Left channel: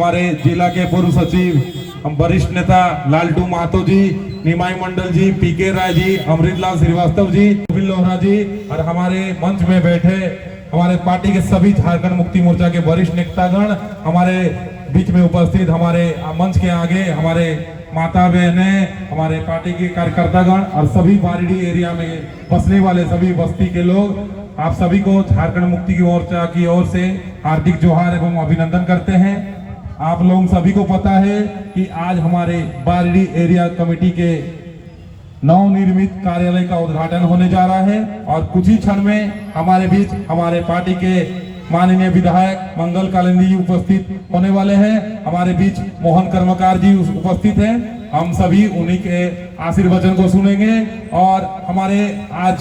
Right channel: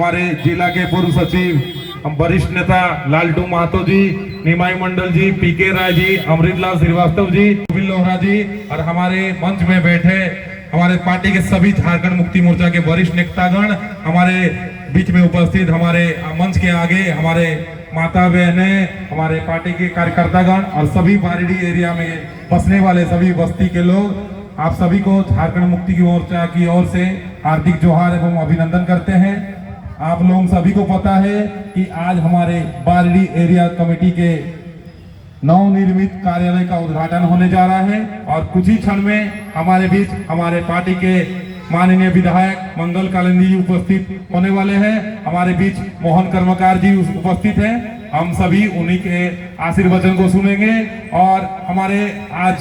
हमारे जिला के पूर्व सचिव हम वरिष्ठ नेता लालटू महतो जी, निमाई मंडल जी, पीके राय जी, अमृतलाल श्रीवास्तव जी, गोविंद लोहरा जी और हमारे मंच में बैठे हमारे पार्टी के सभी झारखंड मुक्ति मोर्चा के वरिष्ठ नेतागण, हमारे बीच में उपस्थित हमारे मंच के आगे हमारे माता बहने, हमारे पार्टी के कार्यकर्तागण और सभी बारीडीह एरिया में बसने वाले सभी बस्ती के लोग, आप सभी को झारखंड मुक्ति मोर्चा की ओर से हार्दिक जोहार एवं अभिनंदन करते हैं। आप लोग सभी को पता है कि आज हमारे बारीडीह एरिया कमेटी के नवनिर्मित कार्यालय का उद्घाटन होने जा रहा है और कुछ ही क्षण में हमारे बीच हमारे पार्टी के माननीय विधायक मंगल कालिंदी जी उपस्थित होने वाले हैं। हमारे बीच मोहन कर्मकार जी उपस्थित हैं। हम सभी उन्हीं के आशीर्वचन को सुनेंगे और हमारे आज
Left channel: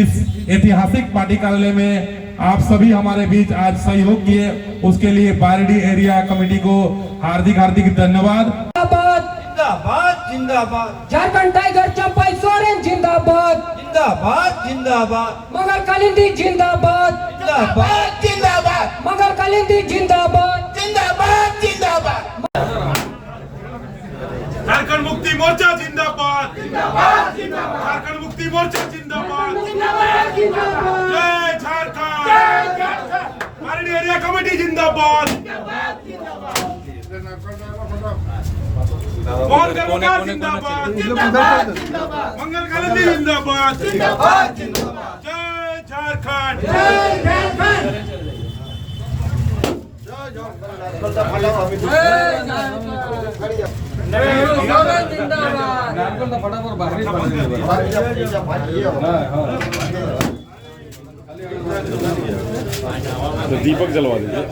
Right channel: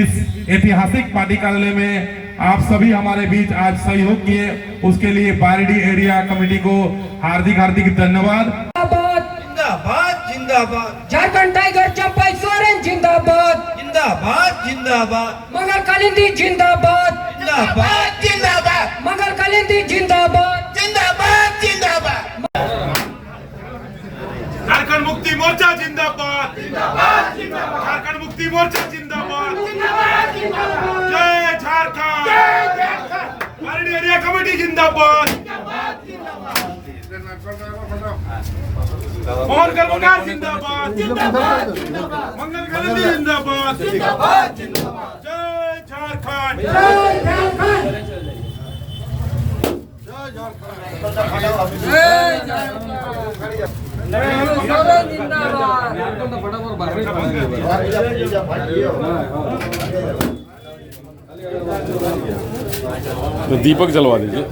इस ऐतिहासिक पार्टी कार्यालय में आप सभी हमारे बीच आज सहयोग किए, उसके लिए बारीडीह एरिया कमेटी को हार्दिक हार्दिक धन्यवाद। जिंदाबाद जिंदाबाद, झारखंड टाइगर चंपाई सोरेन जिंदाबाद, जिंदाबाद जिंदाबाद, मंगल कालिंदी जिंदाबाद, जिंदाबाद जिंदाबाद, मंगल कालिंदी जिंदाबाद, जिंदाबाद जिंदाबाद। झारखंड मुक्ति मोर्चा जिंदाबाद, जिंदाबाद जिंदाबाद, झारखंड मुक्ति मोर्चा जिंदाबाद, जिंदाबाद जिंदाबाद, जय झारखंड, जय झारखंड, बारीडीह एरिया कमेटी जिंदाबाद, मोहन कर्मकार जिंदाबाद, मंगल कालिंदी जिंदाबाद, जिंदाबाद जिंदाबाद, जय झारखंड, जय झारखंड, तो दीपक जलवा दीजिए।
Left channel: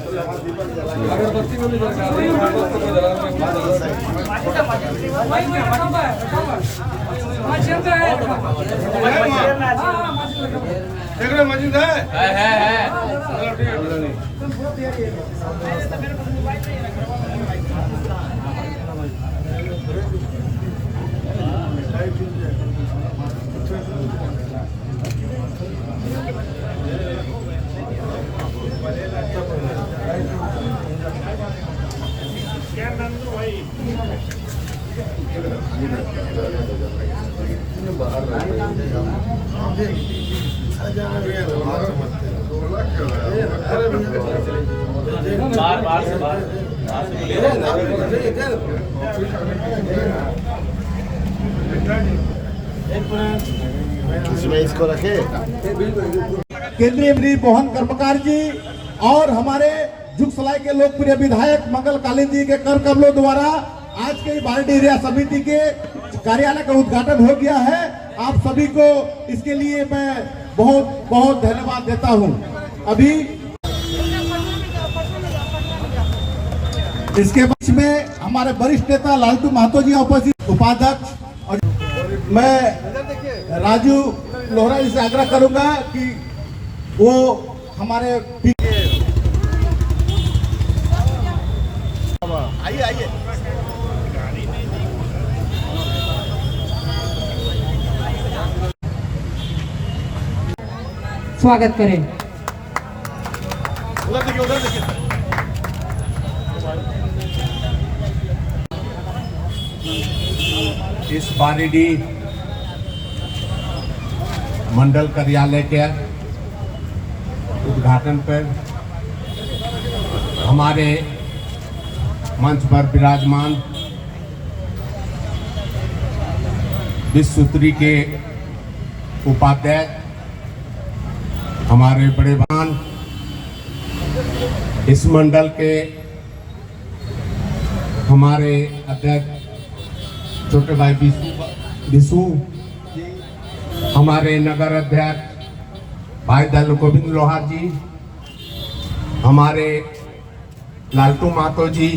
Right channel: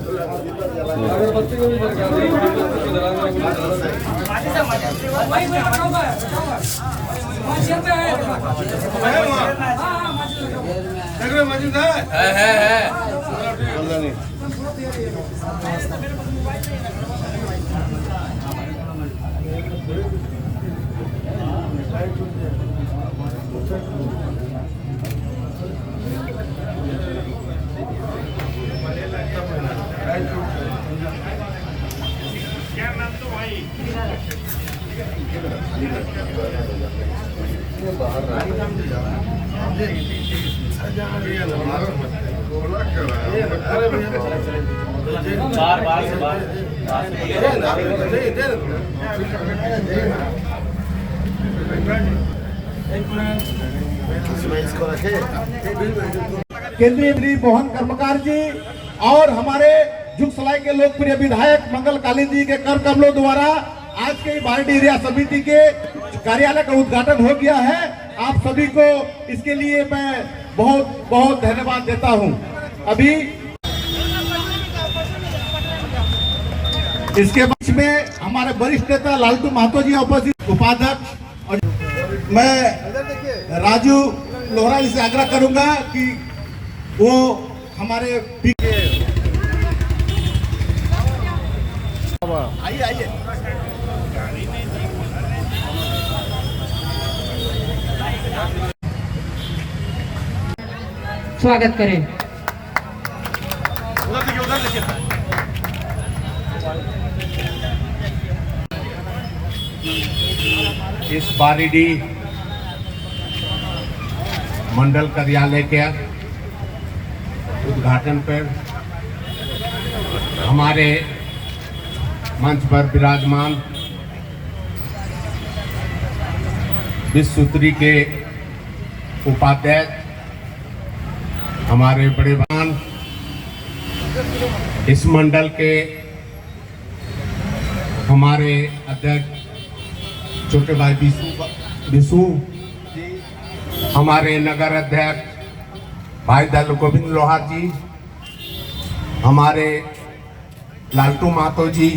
केंद्रीय मंत्री मोहन कर्मकार जी और हमारे जुग सलाई के लोकप्रिय विधायक मंगल कालिंदी के कर कमलों द्वारा आज के बारीडीह एरिया समिति के कार्यालय का उद्घाटन हो गया है। आप सभी को इसके लिए मैं बहुत बहुत धन्यवाद देता हूं। अभी इसके बीच में हमारे वरिष्ठ नेता लालटू महतो जी उपस्थित, उपाध्यक्ष, और मैं राजू लोहरा जी से आग्रह करूंगा कि वो हमारे आइए आइए स्वागत करें। इस बारीडीह मंडल कार्यालय के उद्घाटन पर हमारे मंच पर विराजमान विश्व सूत्री के उपाध्यक्ष, हमारे बड़े भान, इस मंडल के हमारे अध्यक्ष छोटे भाई विशु, हमारे नगर अध्यक्ष भाई दल गोविंद लोहारा जी, हमारे लालटू महतो जी,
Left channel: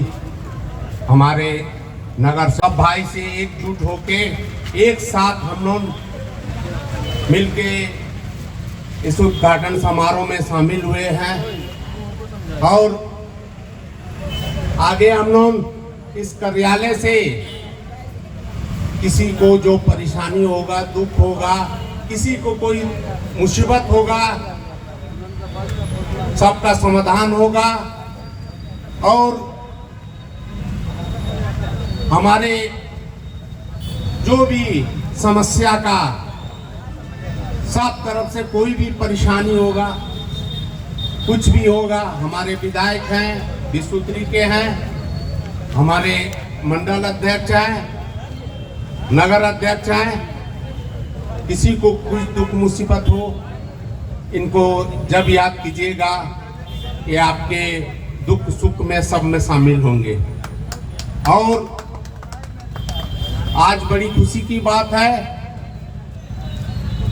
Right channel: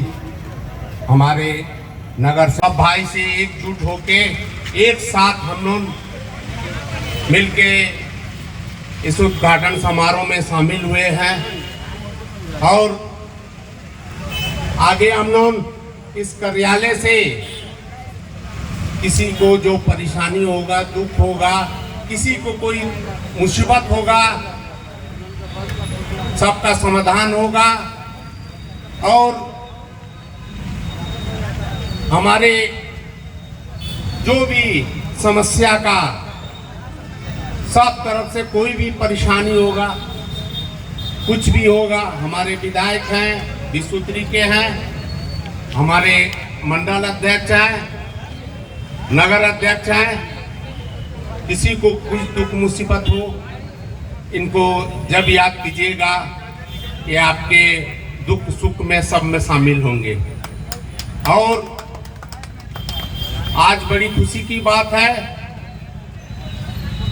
हमारे नगर सब भाई से एकजुट होके एक साथ हम लोग मिलके इस उद्घाटन समारोह में शामिल हुए हैं और आगे हम लोग इस कार्यालय से किसी को जो परेशानी होगा, दुख होगा, किसी को कोई मुसीबत होगा, सबका समाधान होगा और हमारे जो भी समस्या का सब तरफ से कोई भी परेशानी होगा, कुछ भी होगा, हमारे विधायक हैं, विश्वोत्तरी के हैं, हमारे मंडल अध्यक्ष हैं, नगर अध्यक्ष हैं, किसी को कुछ दुख मुसीबत हो, इनको जब याद कीजिएगा, ये आपके दुख सुख में सब में शामिल होंगे। और आज बड़ी खुशी की बात है,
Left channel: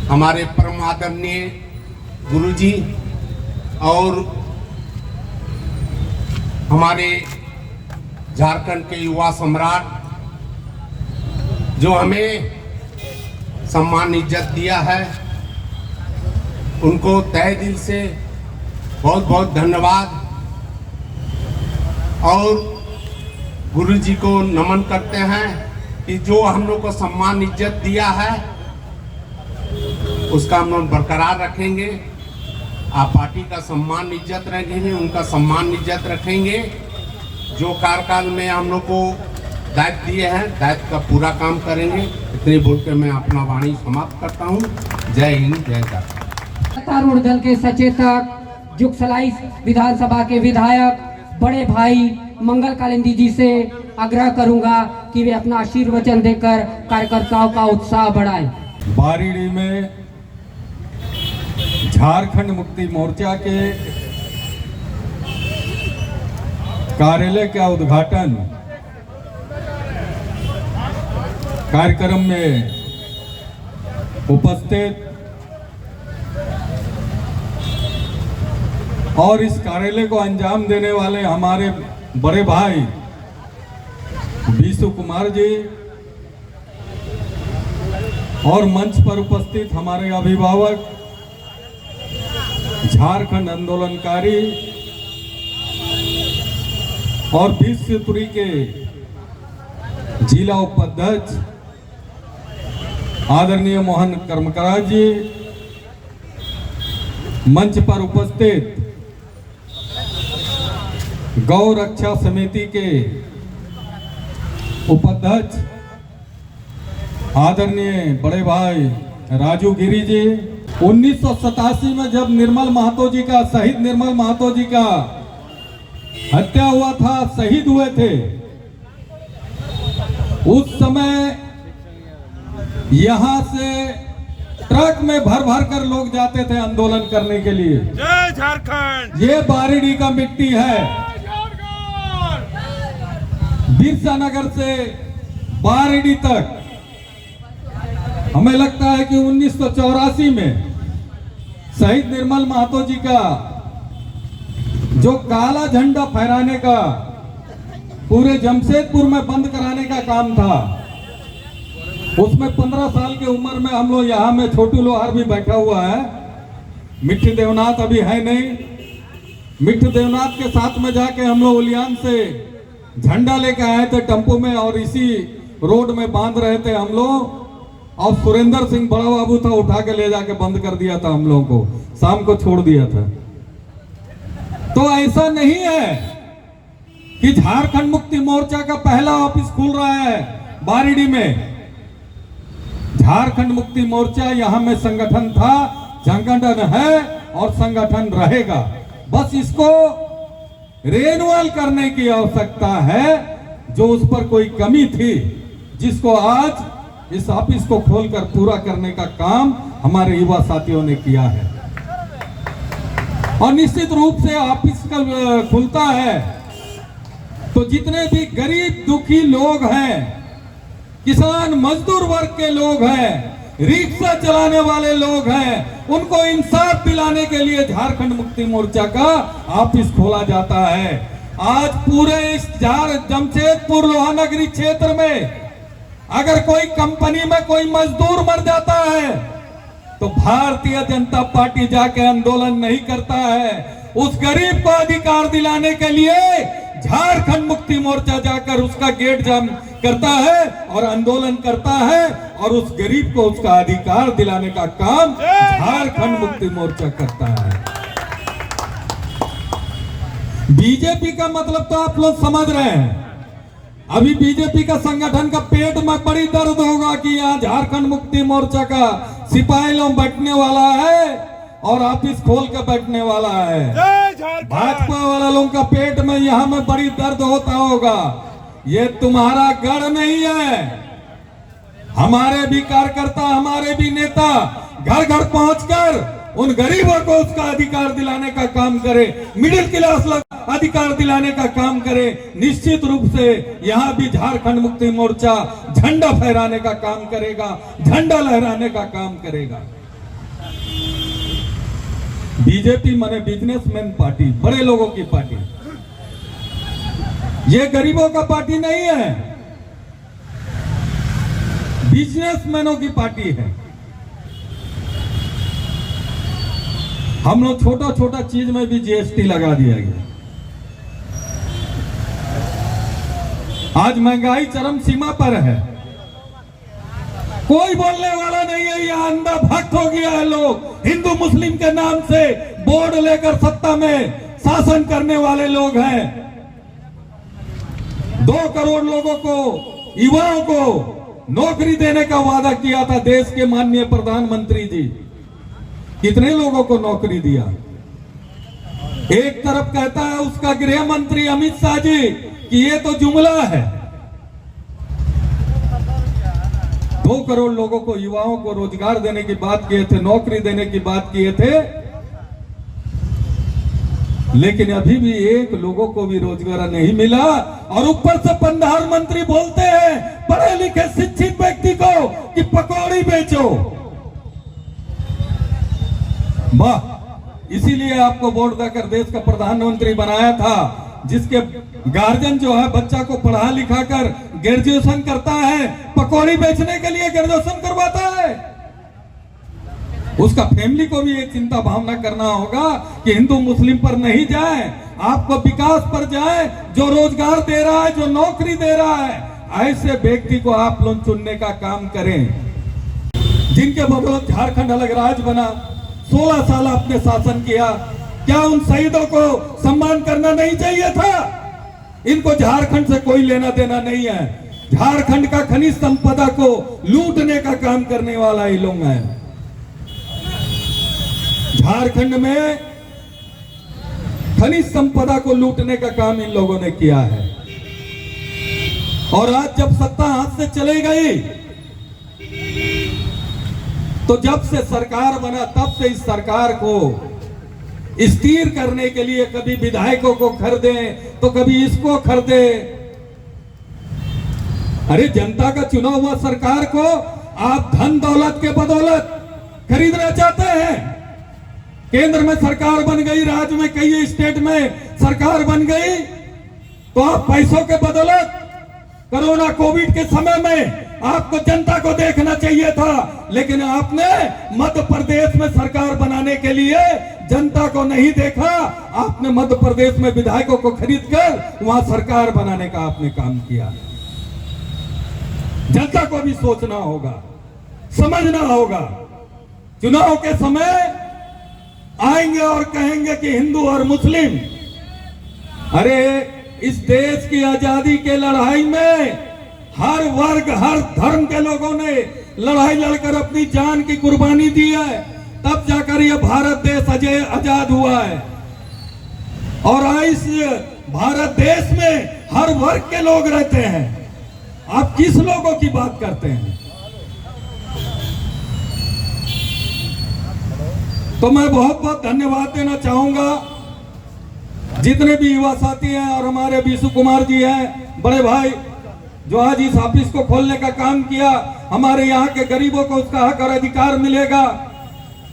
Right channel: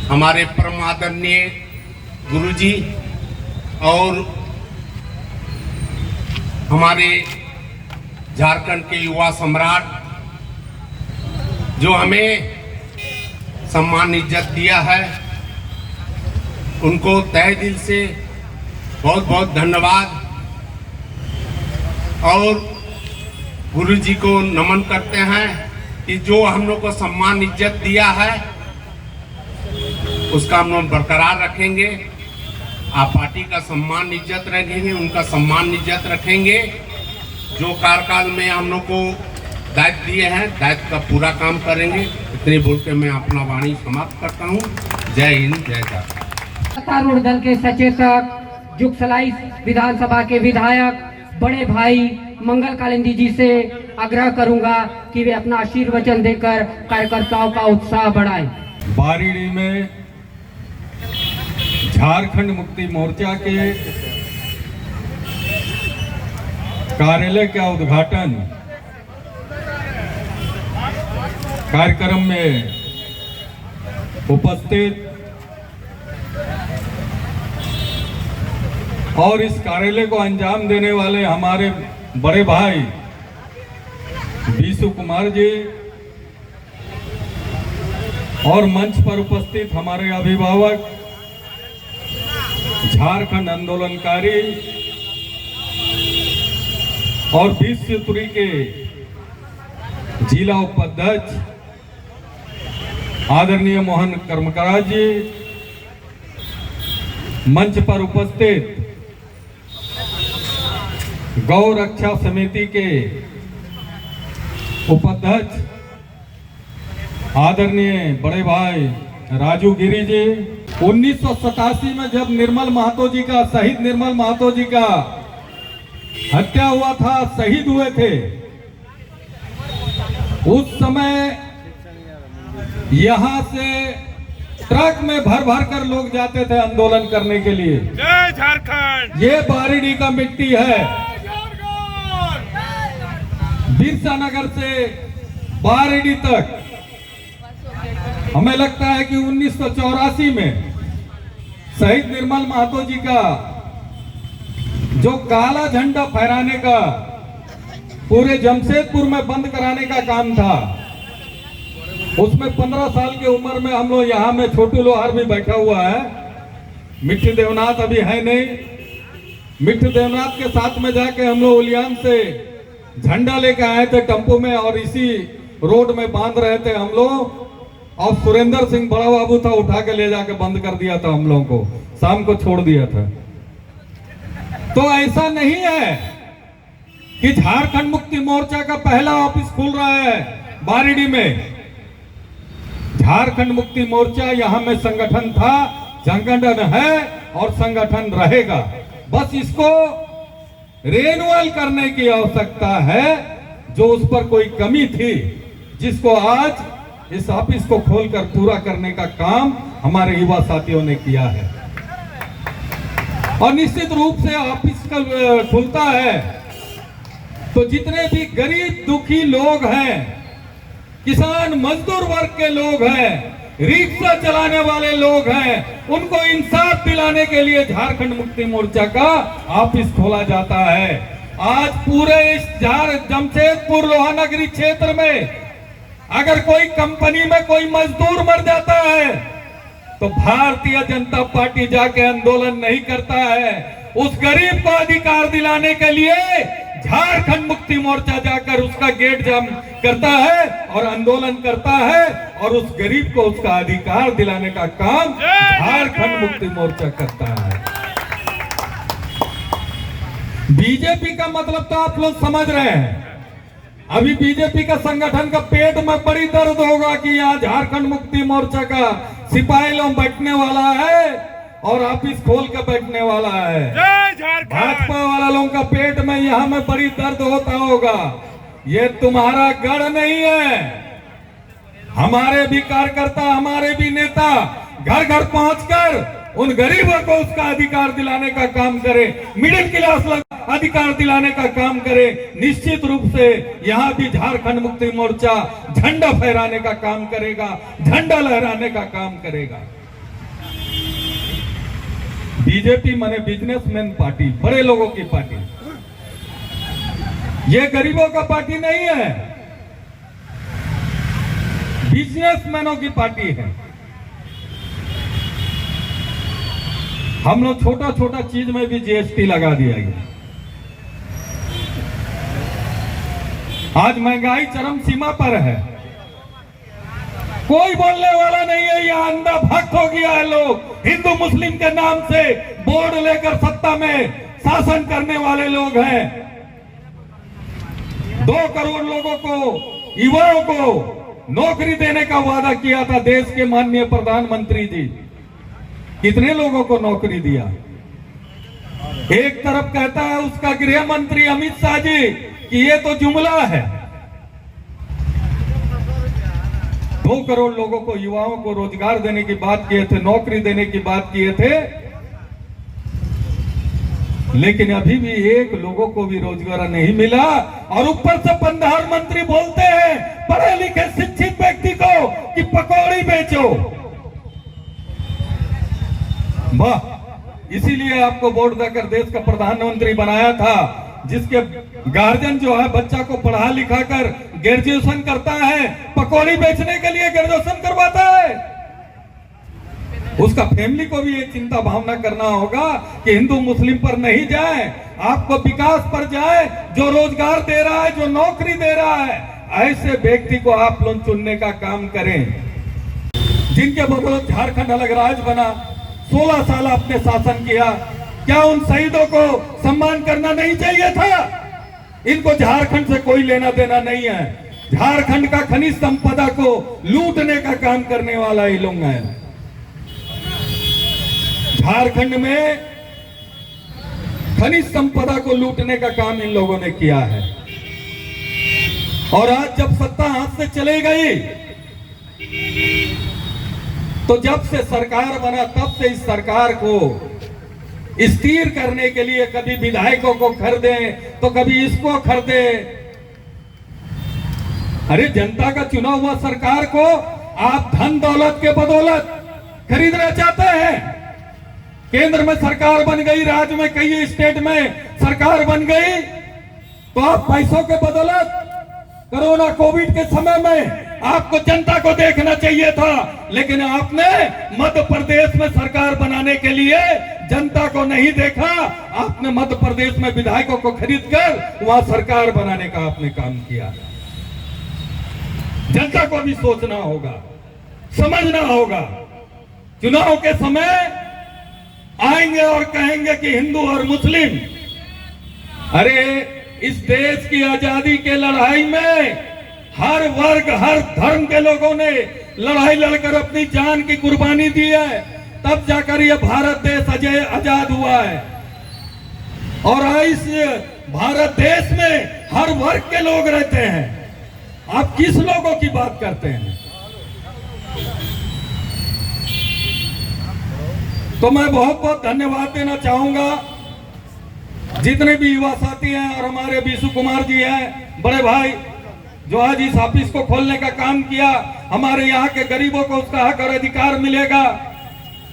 हमारे परम आदरणीय गुरुजी और हमारे झारखंड के युवा सम्राट जो हमें सम्मान इज्जत दिया है, उनको तहे दिल से बहुत बहुत धन्यवाद। और गुरुजी को नमन करते हैं कि जो हम लोग को सम्मान इज्जत दिया है उसका हम लोग बरकरार रखेंगे। आप पार्टी का सम्मान इज्जत रखेंगे, उनका सम्मान इज्जत रखेंगे। जो कार्यकाल में हम लोग को दायित्व दिए हैं, दायित्व का पूरा काम करेंगे। इतने बोल के मैं अपना वाणी समाप्त करता हूँ। जय हिंद, जय झारखंड। सत्तारूढ़ दल के सचेतक, जुगसलाई विधानसभा के विधायक बड़े भाई मंगल कालिंदी जी से आग्रह करूंगा कि वे अपना आशीर्वचन देकर कार्यकर्ताओं का उत्साह बढ़ाएं। बारीडी में झारखंड मुक्ति मोर्चा के कार्यालय का उद्घाटन कार्यक्रम में उपस्थित और इस कार्यालय को अंजाम देने वाले हमारे बड़े भाई विशु कुमार जी और मंच पर उपस्थित हमारे अभिभावक, झारखंड आंदोलनकारी और विश्वोत्तरी के जिला उपाध्यक्ष आदरणीय मोहन कर्मकार जी, मंच पर उपस्थित गौ रक्षा समिति के उपाध्यक्ष आदरणीय बड़े भाई राजू गिरी जी। 1987 में जब निर्मल महतो जी का, शहीद निर्मल महतो जी का हत्या हुआ था, शहीद हुए थे, उस समय यहां से ट्रक में भर भर कर लोग जाते थे आंदोलन करने के लिए। जय झारखंड। ये बारीडी का मिट्टी है। बिरसा नगर से बारीडी तक हमें लगता है कि 1984 में शहीद निर्मल महतो जी का जो काला झंडा फहराने का, पूरे जमशेदपुर में बंद कराने का काम था, उसमें 15 साल की उम्र में हम लोग यहाँ में छोटू लोहार भी बैठा हुआ है, मिट्टी देवनाथ अभी है नहीं। मिट्टी देवनाथ के साथ में जाके हम लोग उलियान से झंडा लेके आए थे टेम्पो में और इसी रोड में बांध रहे थे हम लोग। और सुरेंद्र सिंह बड़ा बाबू था, उठा के ले जाके बंद कर दिया था हम लोगों को, शाम को छोड़ दिया था। तो ऐसा नहीं है कि झारखंड मुक्ति मोर्चा का पहला ऑफिस खुल रहा है बारीडी में। झारखंड मुक्ति मोर्चा यहाँ में संगठन था, संगठन है और संगठन रहेगा। बस इसको रिन्यूअल करने की आवश्यकता है। जो उस पर कोई कमी थी, जिसको आज इस ऑफिस को खोलकर पूरा करने का काम हमारे युवा साथियों ने किया है। और निश्चित रूप से ऑफिस खुलता है तो जितने भी गरीब दुखी लोग हैं, किसान मजदूर वर्ग के लोग हैं, रिक्शा चलाने वाले लोग हैं, उनको इंसाफ दिलाने के लिए झारखंड मुक्ति मोर्चा का ऑफिस खोला जाता है। आज पूरे इस जमशेदपुर लोहानगरी क्षेत्र में अगर कोई कंपनी में कोई मजदूर मर जाता है तो भारतीय जनता पार्टी जाके आंदोलन नहीं करता है। उस गरीब को अधिकार दिलाने के लिए झारखंड मुक्ति मोर्चा जाकर उसका गेट जाम करता है और आंदोलन करता है, और उस गरीब को उसका अधिकार दिलाने का काम झारखंड मुक्ति मोर्चा करता है। बीजेपी का मतलब तो आप लोग समझ रहे हैं। अभी बीजेपी का संगठन का पेट में बड़ी दर्द होगा कि यहाँ झारखंड मुक्ति मोर्चा का सिपाही लोग बैठने वाला है और ऑफिस खोल के बैठने वाला है। जय झारखंड। भाजपा वाला लोगों का पेट में यहाँ में बड़ी दर्द होता होगा। ये तुम्हारा गढ़ नहीं है। हमारे भी कार्यकर्ता, हमारे भी नेता घर घर पहुंचकर उन गरीबों को उसका अधिकार दिलाने का काम करे, मिडिल क्लास लोग अधिकार दिलाने का काम करे। निश्चित रूप से यहाँ भी झारखंड मुक्ति मोर्चा झंडा फहराने का काम करेगा, झंडा लहराने का काम करेगा। बीजेपी माने बिजनेसमैन पार्टी, बड़े लोगों की पार्टी, ये गरीबों का पार्टी नहीं है, बिजनेसमैनों की पार्टी है। हम लोग छोटा छोटा चीज में भी जीएसटी लगा दिया गया। आज महंगाई चरम सीमा पर है, कोई बोलने वाला नहीं है। यह अंधा भक्त हो गया है। लोग हिंदू मुस्लिम के नाम से बोर्ड लेकर सत्ता में शासन करने वाले लोग हैं। 2 करोड़ लोगों को, युवाओं को नौकरी देने का वादा किया था देश के माननीय प्रधानमंत्री जी। कितने लोगों को नौकरी दिया? एक तरफ कहता है उसका गृह मंत्री अमित शाह जी कि ये तो जुमला है। 2 करोड़ लोगों को, युवाओं को रोजगार देने की बात किए थे, नौकरी देने की बात किए थे, लेकिन अभी भी 1 लोगों को भी रोजगार नहीं मिला। और ऊपर से प्रधानमंत्री बोलते हैं पढ़े लिखे शिक्षित व्यक्ति को कि पकौड़ी बेचो। वाह, इसीलिए आपको वोट देकर देश का प्रधानमंत्री बनाया था, जिसके गार्जियन जो है बच्चा को पढ़ा लिखा कर ग्रेजुएशन करता है, पकौड़ी बेचने के लिए ग्रेजुएशन करवाता है। उसका फैमिली को भी ये चिंता भावना करना होगा कि हिंदू मुस्लिम पर नहीं जाए, आपको विकास पर जाए, जो रोजगार दे रहा है, जो नौकरी दे रहा है, ऐसे व्यक्ति को आप लोग चुनने का काम करें, जिनके बदौलत झारखंड अलग राज्य बना। 16 साल आपने शासन किया, क्या उन शहीदों को सम्मान करना नहीं चाहिए था? इनको झारखंड से कोई लेना देना नहीं है। झारखंड का खनिज संपदा को लूटने का काम करने वाला ये लोग हैं। झारखंड में खनिज संपदा को लूटने का काम इन लोगों ने किया है। और आज जब सत्ता हाथ से चली गई, तो जब से सरकार बना तब से इस सरकार को स्थिर करने के लिए कभी विधायकों को खरीदे तो कभी इसको खरीदे। अरे जनता का चुना हुआ सरकार को आप धन दौलत के बदौलत खरीदना चाहते हैं। केंद्र में सरकार बन गई, राज्य में कई स्टेट में सरकार बन गई, तो आप पैसों के बदौलत कोरोना कोविड के समय में आपको जनता को देखना चाहिए था, लेकिन आपने मध्य प्रदेश में सरकार बनाने के लिए जनता को नहीं देखा। आपने मध्य प्रदेश में विधायकों को खरीदकर वहां सरकार बनाने का आपने काम किया। जनता को भी सोचना होगा, समझना होगा। चुनाव के समय आएंगे और कहेंगे कि हिंदू और मुस्लिम, अरे इस देश की आजादी के लड़ाई में हर वर्ग, हर धर्म के लोगों ने लड़ाई लड़कर अपनी जान की कुर्बानी दी है, तब जाकर यह भारत देश आजाद हुआ है। और इस भारत देश में हर वर्ग के लोग रहते हैं। आप किस लोगों की बात करते हैं? तो मैं बहुत बहुत धन्यवाद देना चाहूंगा जितने भी युवा साथी हैं और हमारे विशु कुमार जी हैं, बड़े भाई, जो आज इस ऑफिस को खोलने का काम किया। हमारे यहाँ के गरीबों को उसका हक और अधिकार मिलेगा।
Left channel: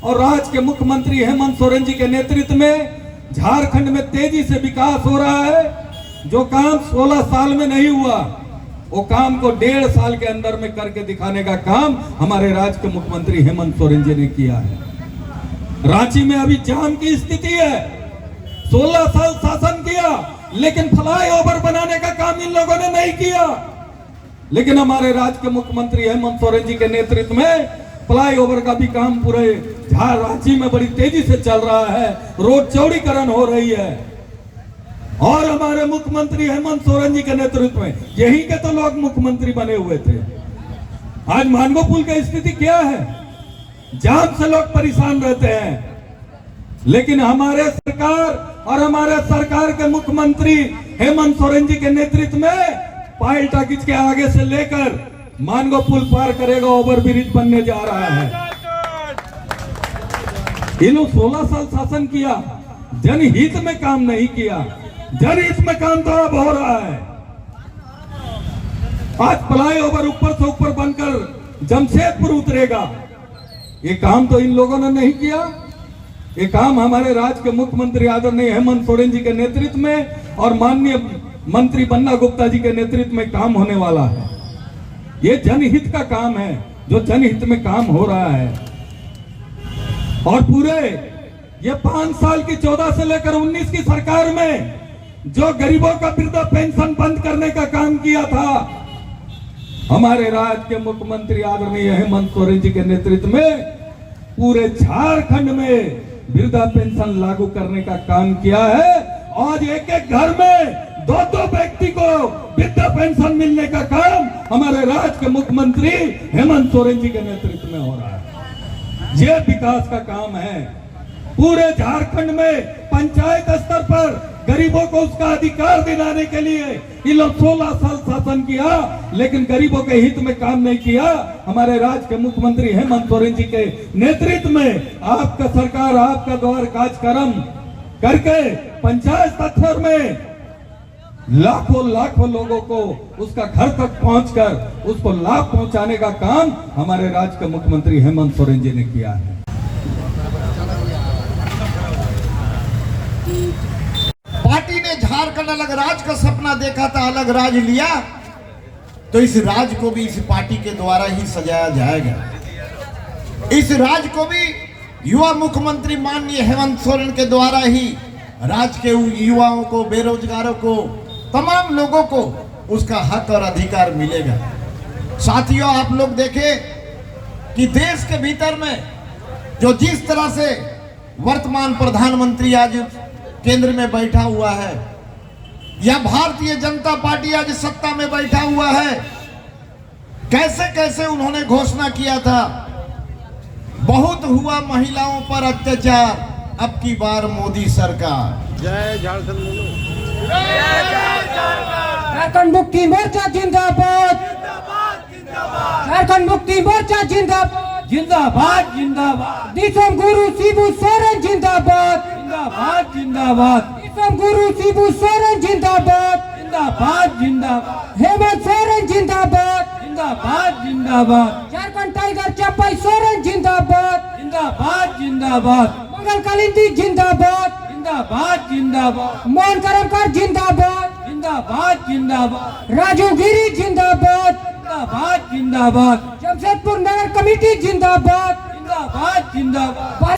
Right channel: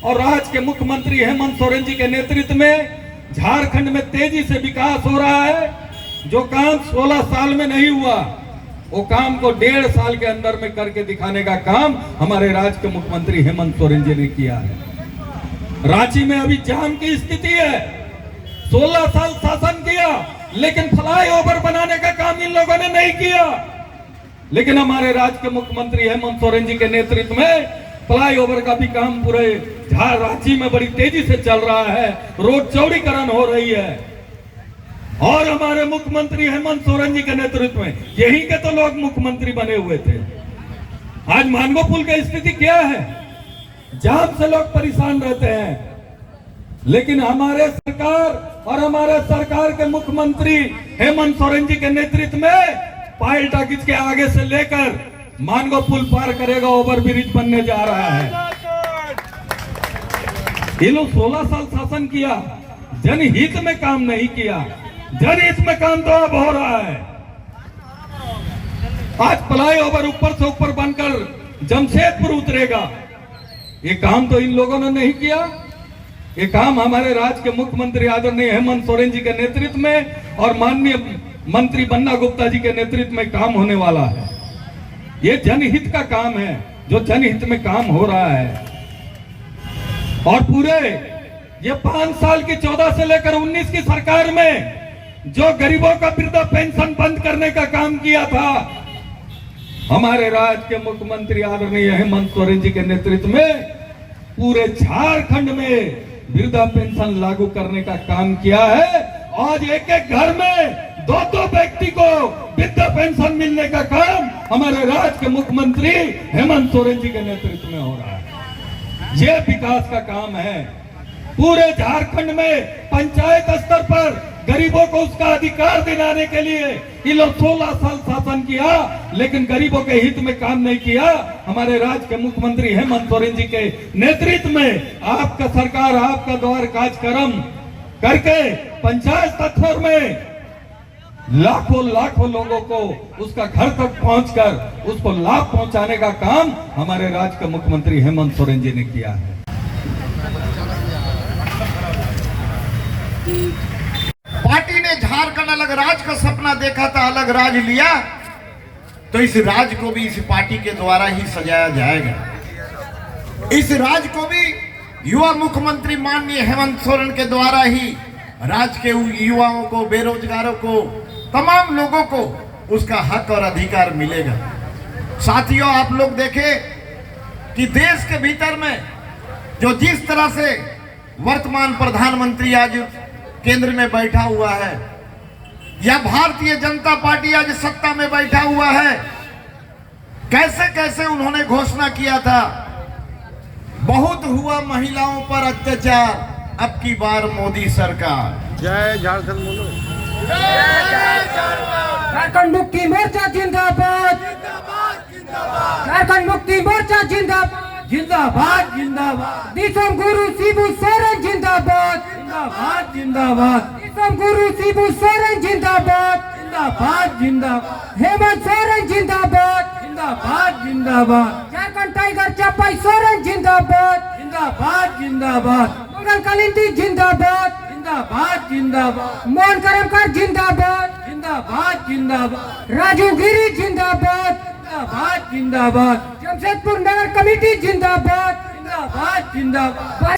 और राज्य के मुख्यमंत्री हेमंत सोरेन जी के नेतृत्व में झारखंड में तेजी से विकास हो रहा है। जो काम 16 साल में नहीं हुआ, वो काम को 1.5 साल के अंदर में करके दिखाने का काम हमारे राज्य के मुख्यमंत्री हेमंत सोरेन जी ने किया है। रांची में अभी जाम की स्थिति है। 16 साल शासन किया, लेकिन फ्लाईओवर बनाने का काम इन लोगों ने नहीं किया। लेकिन हमारे राज्य के मुख्यमंत्री हेमंत सोरेन जी के नेतृत्व में फ्लाईओवर का भी काम पूरे रांची में बड़ी तेजी से चल रहा है। रोड चौड़ीकरण हो रही है। और हमारे मुख्यमंत्री हेमंत सोरेन जी के नेतृत्व में यही के तो लोग मुख्यमंत्री बने हुए थे। आज मानगो पुल की स्थिति क्या है? जाम से लोग परेशान रहते हैं, लेकिन हमारे सरकार और हमारे सरकार के मुख्यमंत्री हेमंत सोरेन जी के नेतृत्व में पायल टाकिज के आगे से लेकर मानगो पुल पार करेगा, ओवर ब्रिज बनने जा रहा है। इन्होंने 16 साल शासन किया, जनहित में काम नहीं किया। जनहित में काम तो अब हो रहा है। आज फ्लाईओवर ऊपर से ऊपर बनकर जमशेदपुर उतरेगा, ये काम तो इन लोगों ने नहीं किया। ये काम हमारे राज्य के मुख्यमंत्री आदरणीय हेमंत सोरेन जी के नेतृत्व में और माननीय मंत्री बन्ना गुप्ता जी के नेतृत्व में काम होने वाला है। ये जनहित का काम है, जो जनहित में काम हो रहा है। और पूरे ये 5 साल की 14 से लेकर 19 की सरकार में जो गरीबों का वृद्धा पेंशन बंद करने का काम किया था, हमारे राज्य के मुख्यमंत्री आदरणीय हेमंत सोरेन जी के नेतृत्व में पूरे झारखंड में वृद्धा पेंशन लागू करने का काम किया है। आज एक एक घर में 2-2 व्यक्ति को वृद्धा पेंशन मिलने का काम हमारे राज्य के मुख्यमंत्री हेमंत सोरेन जी के नेतृत्व में हो रहा है। ये विकास का काम है। पूरे झारखंड में पंचायत स्तर पर गरीबों को उसका अधिकार दिलाने के लिए ये लोग 16 साल शासन किया, लेकिन गरीबों के हित में काम नहीं किया। हमारे राज्य के मुख्यमंत्री हेमंत सोरेन जी के नेतृत्व में आपका सरकार आपका द्वार कार्यक्रम करके पंचायत स्तर में लाखों लोगों को उसका घर तक पहुंचकर उसको लाभ पहुंचाने का काम हमारे राज्य के मुख्यमंत्री हेमंत सोरेन जी ने किया है। पार्टी ने झारखंड अलग राज का सपना देखा था, अलग राज लिया, तो इस राज को भी इस पार्टी के द्वारा ही सजाया जाएगा। इस राज को भी युवा मुख्यमंत्री माननीय हेमंत सोरेन के द्वारा ही राज्य के युवाओं को, बेरोजगारों को, तमाम लोगों को उसका हक और अधिकार मिलेगा। साथियों, आप लोग देखें कि देश के भीतर में जो जिस तरह से वर्तमान प्रधानमंत्री आज केंद्र में बैठा हुआ है, या भारतीय जनता पार्टी आज सत्ता में बैठा हुआ है, कैसे कैसे उन्होंने घोषणा किया था, बहुत हुआ महिलाओं पर अत्याचार, अब की बार मोदी सरकार। जय झारखंड बोलो। झारखंड मुक्ति मोर्चा जिंदाबाद, झारखंड मुक्ति मोर्चा जिंदाबाद, जिंदाबाद जिंदाबाद दिसम गुरु शिबू सोरेन जिंदाबाद, जिंदाबाद जिंदाबाद दिसम गुरु शिबू सोरेन जिंदाबाद, जिंदाबाद जिंदाबाद हेमंत सोरेन जिंदाबाद, जिंदाबाद जिंदाबाद झारखंड टाइगर चप्पई सोरेन जिंदाबाद, जिंदाबाद जिंदाबाद मंगल कालिंदी जिंदाबाद, जिंदाबाद जिंदाबाद मोहन करमकर जिंदाबाद, जिंदाबाद जिंदाबाद राजू गिरी जिंदाबाद, जिंदाबाद जिंदाबाद जमशेदपुर नगर कमेटी जिंदाबाद, जिंदाबाद जिंदाबाद